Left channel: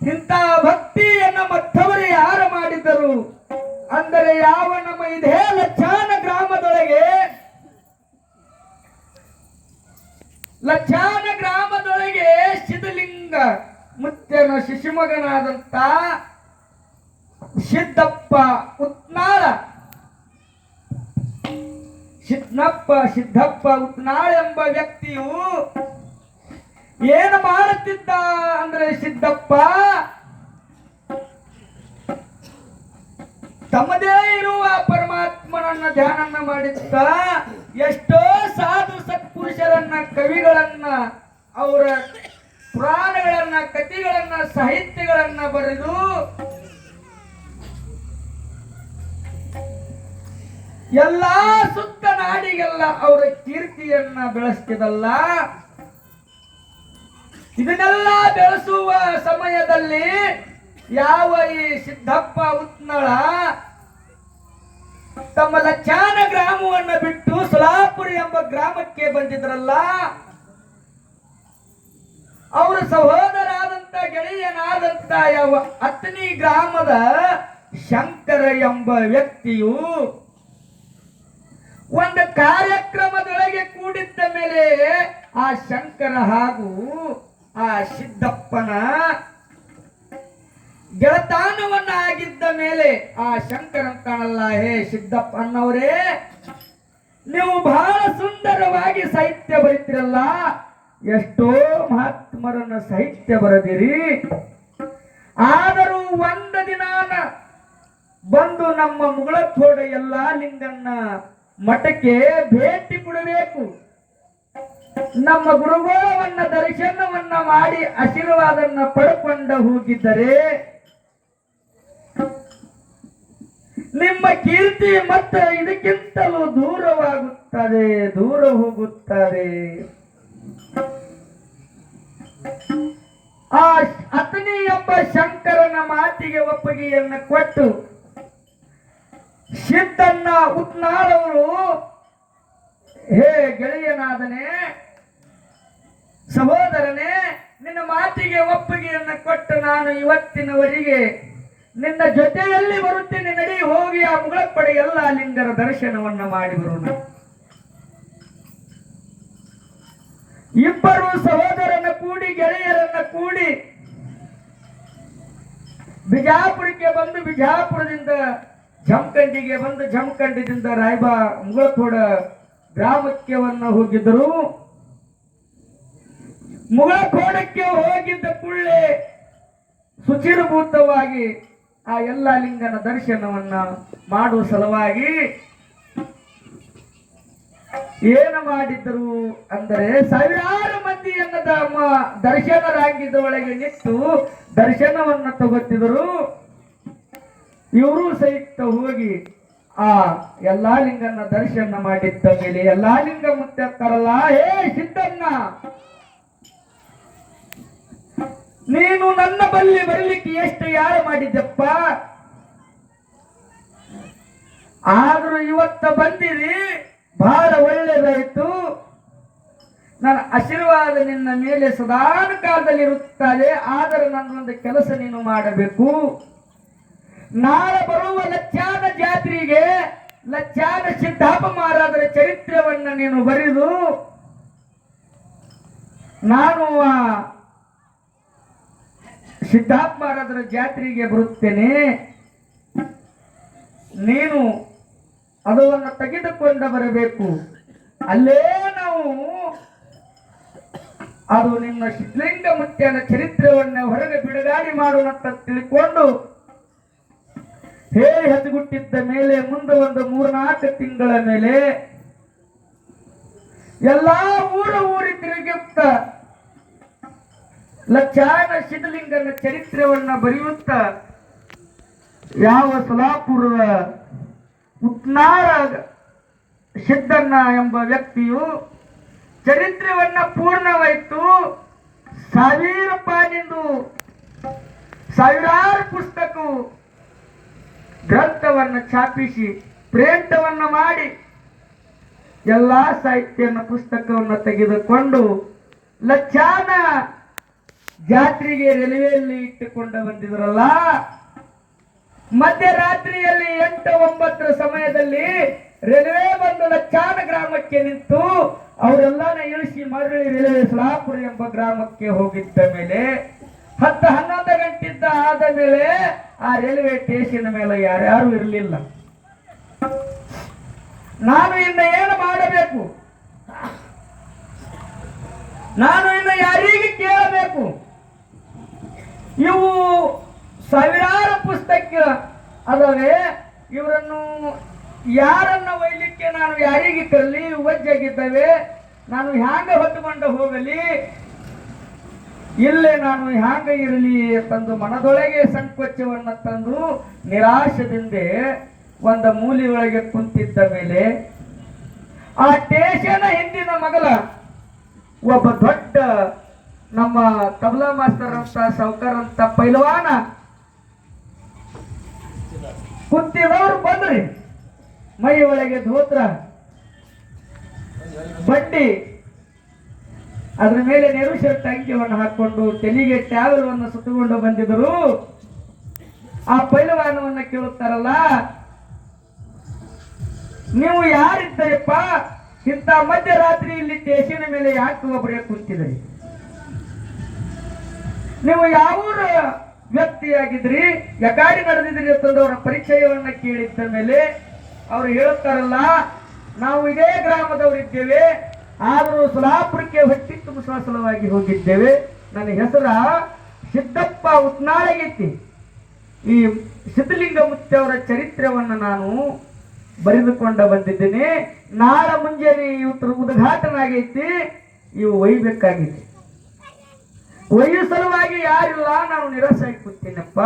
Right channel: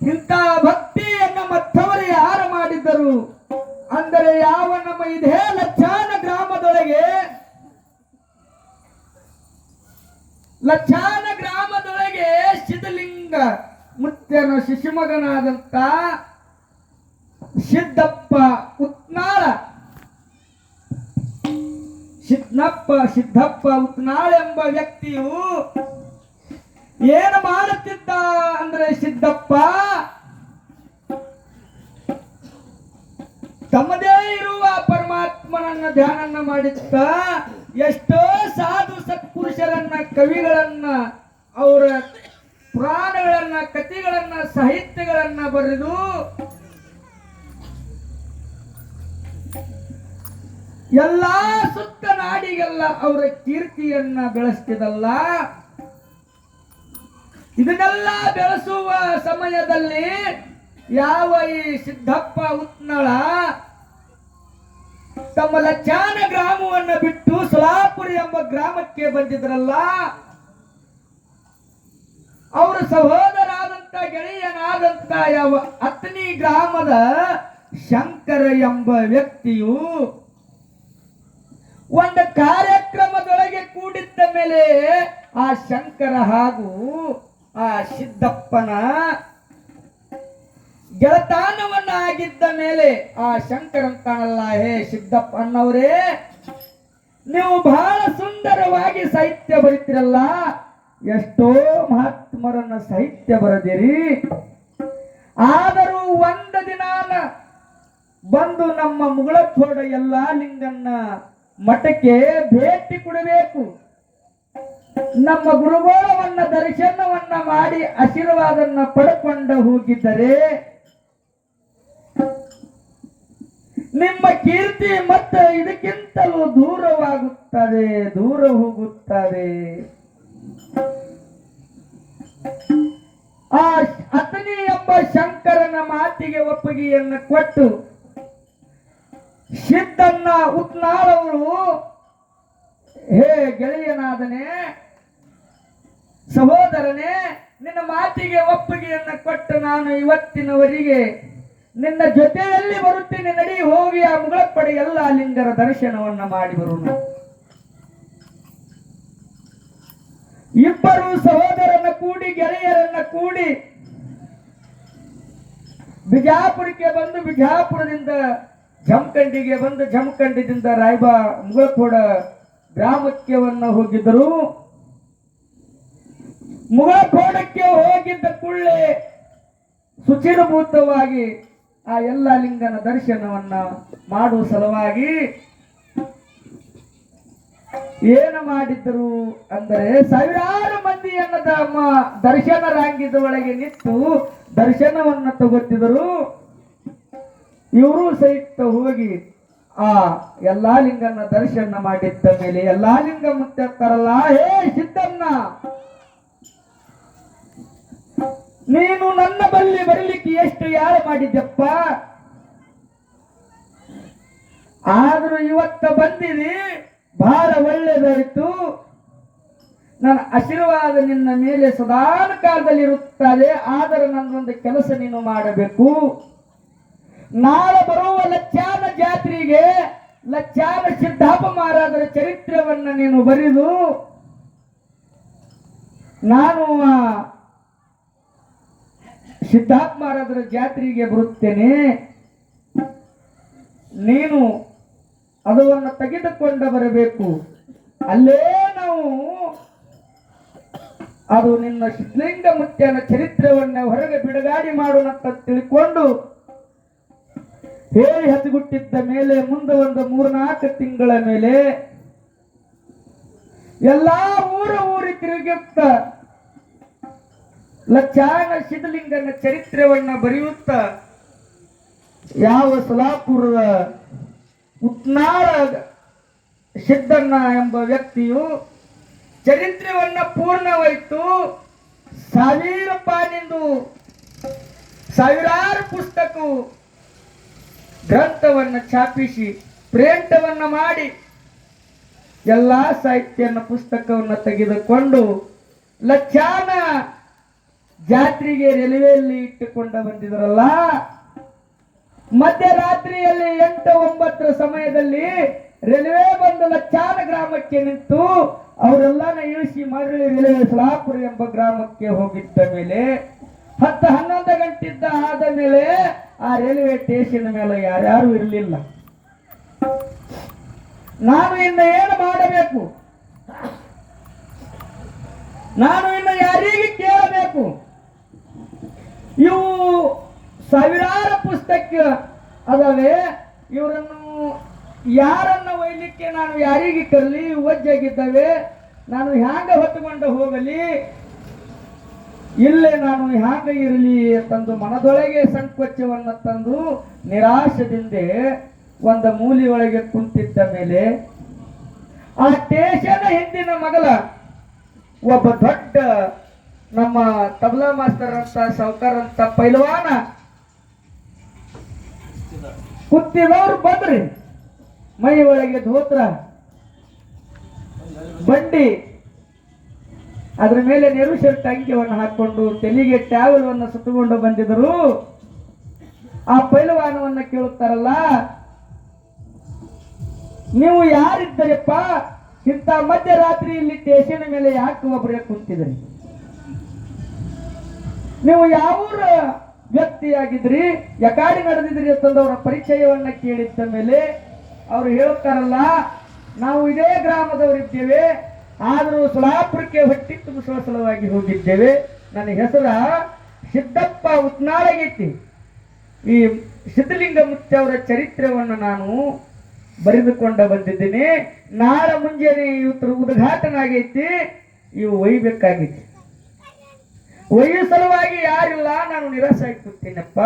ಇಂಥ ಭಕ್ತಿಯನ್ನು ಮತ್ತವರು ಯಾರು ಮಾಡಿದರು ಅಂದರೆ ಯಾವ ನಮ್ಮ ಇದೇ ಲಚ್ಚಾನ ಗ್ರಾಮದೊಳಗೆ ಸಿದ್ಧಲಿಂಗ ಮುತ್ಯನ ಶಿಶುಮಗನಾದಂತ ಸಿದ್ದಪ್ಪ ಉತ್ನಾಳ ಸಿದ್ದಪ್ಪ ಉತ್ನಾಳ ಎಂಬ ವ್ಯಕ್ತಿಯು ಏನು ಮಾಡುತ್ತಿದ್ದ ಅಂದ್ರೆ ಸಿದ್ದಪ್ಪ ತಮ್ಮದೇ ಇರುವ ಪರಮಾತ್ಮನನ್ನ ಧ್ಯಾನನ್ನ ಮಾಡಿದ್ದ. ಎಷ್ಟೋ ಸಾಧು ಸತ್ಪುರುಷರನ್ನ ಕವಿಗಳನ್ನ ಅವರ ಪುರಾಣಗಳನ್ನ ಕಥೆಗಳನ್ನ ಸಾಹಿತ್ಯಗಳನ್ನ ಬರೆದು ಎಲ್ಲಾ ಸುತ್ತ ನಾಡಿಗೆಲ್ಲ ಅವರ ಕೀರ್ತಿಯನ್ನ ಬೆಳೆಸ್ತಿದಲ್ಲ. ಇದನ್ನೆಲ್ಲ ಬೆಳೆಸುವ ಸಮಯದಲ್ಲಿ ಯಾವ ಈ ಸಿದ್ದಪ್ಪ ಉತ್ನಳ ತಮ್ಮ ಲಚ್ಚಾನ ಗ್ರಾಮವನ್ನು ಬಿಟ್ಟು ಸೊಲಾಪುರ ಎಂಬ ಗ್ರಾಮಕ್ಕೆ ಬಂದಿದ್ರಲ್ಲ, ಅವರ ಸಹೋದರಾದಂತ ಗೆಳೆಯನಾದಂತ ಯಾವ ಅತ್ನಿ ಗ್ರಾಮದ ಶಂಕರ ಎಂಬ ವ್ಯಕ್ತಿಯು ಒಂದು ಕಾರ್ಯಕ್ರಮದೊಳಗೆ ಕೂಡಿದ್ದ ಮೇಲೆ ಆ ಶಂಕರ ಹಾಗೂ ಆ ಸಿದ್ದಪ್ಪನ ಗೆಳತಾನವನ್ನ ಆಗಿದ್ದ ಮೇಲೆ ಆ ಶಂಕರನ್ ಕಾಣಲ್ಲ, ಹೇ ಸಿದ್ದಪ್ಪ ಅನ್ನವರೇ, ನೀವು ಬಹಳ ಸುಂದರವಾಗಿ ಸಾಹಿತ್ಯ ಬರೀತಿರಲ್ಲ, ಎಷ್ಟೋ ಮಹಾತ್ಮರನ್ನ ಸಾಹಿತ್ಯ ಬರೆದಿರಿ, ಆದರೂ ಒಂದು ದಿನಾನ ಬಂದು ನಮ್ಮ ಮುಗಳಖೋಡ ಎಲ್ಲಾ ಲಿಂಗನ್ನ ಮಠಕ್ಕೆ ಭೇಟಿ ಕೊಡಬೇಕು, ನಮ್ಮ ಗುರುಗೋಳವನ್ನ ದರ್ಶನವನ್ನ ಮಾಡಿ ಆಶೀರ್ವಾದನ್ನ ಪಡ್ಕೊಂಡು ಹೋಗಿದ್ದರೆ ನಿಮ್ಮ ಕೀರ್ತಿ ಮತ್ತೆ ಇದಕ್ಕಿಂತಲೂ ದೂರವಾಗುತ್ತದೆ, ದೂರ ಹೋಗುತ್ತದೆ. ಆ ಅತನಿ ಎಂಬ ಶಂಕರನ ಮಾತಿಗೆ ಒಪ್ಪಿಗೆಯನ್ನು ಕೊಟ್ಟು ಸಿದ್ದನ್ನ ಉತ್ನಾಳವರು, ಹೇ ಗೆಳೆಯನಾದನೆ, ಸಹೋದರನೇ, ನಿನ್ನ ಮಾತಿಗೆ ಒಪ್ಪಿಗೆಯನ್ನು ಕೊಟ್ಟು ನಾನು ಇವತ್ತಿನವರೆಗೆ ನಿನ್ನ ಜೊತೆಯಲ್ಲಿ ಬರುತ್ತೇನೆ, ನಡಿ ಹೋಗಿ ಆ ಮುಗಳಪಡೆ ಎಲ್ಲ ಲಿಂಗರ ದರ್ಶನವನ್ನ ಮಾಡಿ ಬರೋಣ. ಇಬ್ಬರು ಸಹೋದರನ ಕೂಡಿ ಗೆಳೆಯರನ್ನ ಕೂಡಿ ಬಿಜಾಪುರಕ್ಕೆ ಬಂದು ಬಿಜಾಪುರದಿಂದ ಜಮಖಂಡಿಗೆ ಬಂದು ಜಮಖಂಡಿದಿಂದ ಮುಗಳಖೋಡ ಗ್ರಾಮಕ್ಕೆ ಹೋಗಿದ್ದರು. ಮುಗಳಖೋಡಕ್ಕೆ ಹೋಗಿದ್ದ ಕೂಡಲೇ ಶುಚಿರಭೂತವಾಗಿ ಆ ಎಲ್ಲ ಲಿಂಗನ ದರ್ಶನವನ್ನ ಮಾಡುವ ಸಲುವಾಗಿ ಏನು ಮಾಡಿದ್ರು ಅಂದರೆ ಸಾವಿರಾರು ಮಂದಿಯನ್ನ ದರ್ಶನ ರಾಂಗಿದ ಒಳಗೆ ನಿಂತು ದರ್ಶನವನ್ನ ತಗೋತಿದ್ರು. ಇವರು ಸಹಿತ ಹೋಗಿ ಆ ಎಲ್ಲಾ ಲಿಂಗನ ದರ್ಶನ ಮಾಡಿದ್ದ ಮೇಲೆ ಎಲ್ಲಾ ಲಿಂಗ ಮುತ್ತಾರಲ್ಲ, ಹೇ ಸಿದ್ದಣ್ಣ, ನೀನು ನನ್ನ ಬಲ್ಲಿ ಬರಲಿಕ್ಕೆ ಎಷ್ಟು ಯಾರು ಮಾಡಿದ್ದಪ್ಪ, ಆದ್ರೂ ಇವತ್ತ ಬಂದಿರಿ, ಬಹಳ ಒಳ್ಳೆಯದಾಯಿತು. ನನ್ನ ಆಶೀರ್ವಾದ ನಿನ್ನ ಮೇಲೆ ಸದಾನ ಕಾಲದಲ್ಲಿ ಇರುತ್ತದೆ, ಆದರೆ ನನ್ನೊಂದು ಕೆಲಸ ನೀನು ಮಾಡಬೇಕು. ನಾಳೆ ಬರುವ ಲಚ್ಚಾನ ಜಾತ್ರೆಗೆ ಲಚ್ಚಾನ ಸಿದ್ದಪ್ಪ ಮಹಾರಾಜರ ಚರಿತ್ರೆಯನ್ನ ನೀನು ಬರೆದು ನಾನು ಸಿದ್ದಪ್ಪ ಮಹಾರಾಜರ ಜಾತ್ರೆಗೆ ಬರುತ್ತೇನೆ, ನೀನು ಅದನ್ನು ತೆಗೆದುಕೊಂಡು ಬರಬೇಕು. ಅಲ್ಲೇ ನಾವು ಅದು ನಿನ್ನ ಸಿದ್ಧಲಿಂಗ ಮುತ್ಯನ ಚರಿತ್ರೆಯನ್ನ ಹೊರಗೆ ಬಿಡುಗಡೆ ಮಾಡೋಣಂತ ತಿಳ್ಕೊಂಡು ಹೇಳಿ ಹತ್ತಿಗುಟ್ಟಿದ್ದ ಮೇಲೆ ಮುಂದೆ ಒಂದು 3-4 ತಿಂಗಳ ಮೇಲೆ ಎಲ್ಲಾ ಊರಿ ತಿರುಗುತ್ತ ಲಚ್ಚಾನ ಸಿದ್ಧಲಿಂಗನ ಚರಿತ್ರೆಯನ್ನ ಬರೆಯುತ್ತ ಯಾವ ಸೊಲಾಪುರದ ಉತ್ನಾಳ ಸಿದ್ದಣ್ಣ ಎಂಬ ವ್ಯಕ್ತಿಯು ಚರಿತ್ರೆಯನ್ನ ಪೂರ್ಣವಾಯಿತು. ಸಾವಿರಾರು ಪುಸ್ತಕ ಗ್ರಂಥವನ್ನು ಛಾಪಿಸಿ ಪ್ರಿಂಟವನ್ನು ಮಾಡಿ ಎಲ್ಲಾ ಸಾಹಿತ್ಯನ ಪುಸ್ತಕವನ್ನು ತೆಗೆದುಕೊಂಡು ಲಚ್ಚಾನ ಜಾತ್ರೆಗೆ ರೈಲ್ವೆಯಲ್ಲಿ ಇಟ್ಟುಕೊಂಡು ಬಂದಿದ್ರಲ್ಲ, ಮಧ್ಯರಾತ್ರಿಯಲ್ಲಿ 8-9 ಸಮಯದಲ್ಲಿ ರೈಲ್ವೆ ಬಂದು ಲಚ್ಚಾನ ಗ್ರಾಮಕ್ಕೆ ನಿಂತು ಅವರೆಲ್ಲನ ಇಳಿಸಿ ಮರಳಿ ರೈಲ್ವೆ ಸಲಾಪುರ ಎಂಬ ಗ್ರಾಮಕ್ಕೆ ಹೋಗಿದ್ದ ಮೇಲೆ 10-11 ಗಂಟೆದ್ದ ಆದ ಮೇಲೆ ಆ ರೈಲ್ವೆ ಸ್ಟೇಷನ್ ಮೇಲೆ ಯಾರ್ಯಾರು ಇರಲಿಲ್ಲ. ನಾನು ಇನ್ನು ಏನು ಮಾಡಬೇಕು? ನಾನು ಇನ್ನು ಯಾರಿಗೆ ಕೇಳಬೇಕು? ಇವು ಸಾವಿರಾರು ಪುಸ್ತಕ ಅದವೆ, ಇವರನ್ನು ಯಾರನ್ನ ಒಯ್ಲಿಕ್ಕೆ ನಾನು ಯಾರಿಗೆ ಕರಲಿ? ಒಜ್ಜಾಗಿದ್ದಾವೆ, ನಾನು ಹ್ಯಾಂಗ ಹೊತ್ತುಕೊಂಡು ಹೋಗಲಿ? ಇಲ್ಲೇ ನಾನು ಹ್ಯಾಂಗ ಇರಲಿ ತಂದು ಮನದೊಳಗೆ ಸಂಕೋಚವನ್ನು ತಂದು ನಿರಾಶದಿಂದ ಒಂದು ಮೂಲೆಯೊಳಗೆ ಕುಂತಿದ್ದ ಮೇಲೆ ಆ ಸ್ಟೇಷನ್ ಹಿಂದಿನ ಮಗಲ ಒಬ್ಬ ದೊಡ್ಡ ನಮ್ಮ ತಬಲಾ ಮಾಸ್ತರ್ ಅಂತ ಸಾವ್ಕಾರ ಅಂತ ಪೈಲ್ವಾನ ಕುತ್ತಿದವ್ರು ಬಂದ್ರಿ. ಮೈ ಒಳಗೆ ಧೋತ್ರ, ಬಂಡಿ, ಅದ್ರ ಮೇಲೆ ನೆರು ಶರ್ಟ್ ಅಂಗಿಯನ್ನು ಹಾಕೊಂಡು ತೆಲಿಗೆ ಟ್ಯಾವಲನ್ನು ಸುತ್ತಕೊಂಡು ಬಂದಿದ್ದರು. ಆ ಪೈಲ್ವಾನವನ್ನ ಕೇಳುತ್ತಾರಲ್ಲ, ನೀವು ಯಾರಿದ್ದರಪ್ಪ? ಇಂಥ ಮಧ್ಯರಾತ್ರಿ ಇಲ್ಲಿ ಸ್ಟೇಷನ್ ಮೇಲೆ ಯಾಕೆ ಒಬ್ಬರೇ ಕುಂತಿದ್ರಿ? ನೀವು ಯಾವೂರ ವ್ಯಕ್ತಿಯಾಗಿದ್ರಿ? ಯಕಾಡಿ ನಡೆದಿದ್ರಿ ಅಂತಂದು ಅವರ ಪರಿಚಯವನ್ನ ಕೇಳಿದ್ದ ಮೇಲೆ ಅವರು ಹೇಳುತ್ತಾರಲ್ಲ, ನಾವು ಇದೇ ಗ್ರಾಮದವರಿದ್ದೇವೆ, ಆದರೂ ಸಲಾಪುರಕ್ಕೆ ಹೊಟ್ಟಿ ತುಂಬಿಸುವ ಸಲುವಾಗಿ ಹೋಗಿದ್ದೇವೆ. ನನ್ನ ಹೆಸರ ಸಿದ್ದಪ್ಪ ಉತ್ನಾಳಗೈತಿ. ಈ ಸಿದ್ಧಲಿಂಗ ಮುತ್ತವರ ಚರಿತ್ರೆಯನ್ನು ನಾನು ಬರೆದುಕೊಂಡ ಬಂದಿದ್ದೀನಿ. ನಾಳೆ ಮುಂಜಾನೆ ಇವತ್ತು ಉದ್ಘಾಟನೆ ಆಗೈತಿ, ಇವು ಒಯ್ಬೇಕಾಗಿತ್ತು. ಒಯ್ಯೋ ಸಲುವಾಗಿ ಯಾರಿಲ್ಲ, ನಾನು ನಿರಾಶೆ ಆಗಿ ಕೂತೀನಪ್ಪ.